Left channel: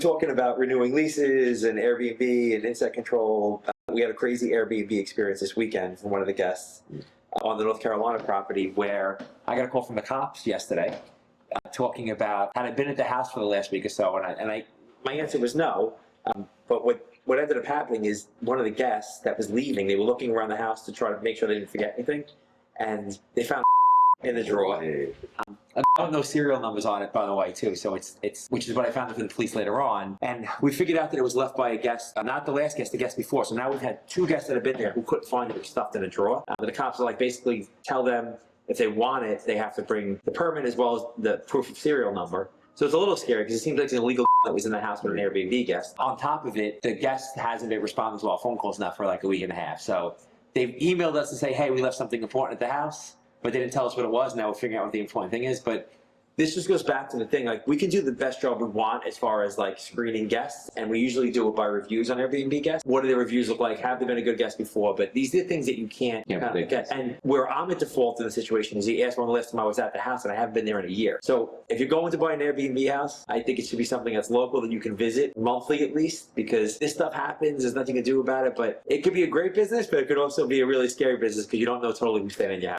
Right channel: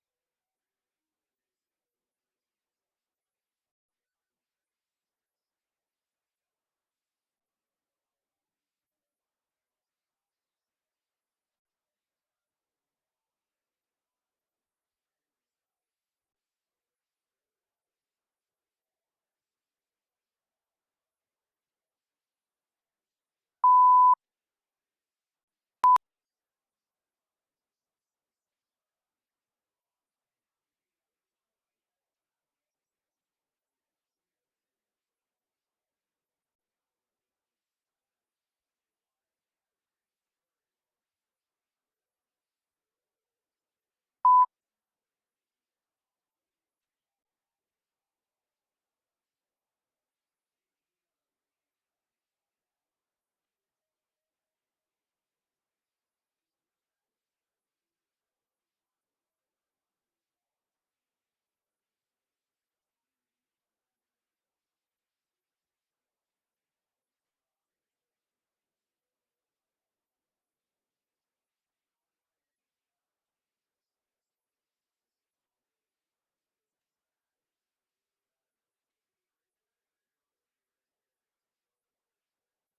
talking about renewing leases and Airbnb and insect control. We had a crazy Airbnb experience this weekend from one of the guests on the North Carolina property where I got a call from the cops yesterday talking about had I been at the house for the last week or so, and my answer was no. But what ended up happening is one of the guests that was leaving, they were looking around the house to try to make sure they didn't forget anything, and they found in the drawer. I don't know serial numbers on it, by the way, too. So it's which is what I found out from the police later on. And we figured out that it was left by a guest, not the last guest, the guest before. So now we've had two guests that have been there who couldn't find it. It was stuffed in a drawer. But the cops are like, basically tell them if they want it, they have to bring the permit as well as the proof of serial number. So it's a little scary because it seems like it's an illegal that was in the house with an Airbnb guest. On top of it, the guest hasn't been responding to our phone calls now for like a week and a half. So they've emailed us to say, hey, we left something important at the house, but they didn't tell us what it was. Now we're figuring out what the important thing is. But this just goes back to the thing, like we can do the best job we want as far as like screening guests, and we usually do it by reviews on Airbnb guests. What do the reviews look like? Have they been a good guest before? But these are things that you can't get. And where I'm at default in the situation is you asked when the last time I was at the house, and I haven't been there in a year. So if you're going to buy an Airbnb house, I think it should be something that's local that you can visit monthly at least, because this stuff happens. There's nothing you can do about it, but it could be a great business, but it could also be a really scary business because you don't know totally who's staying in your house.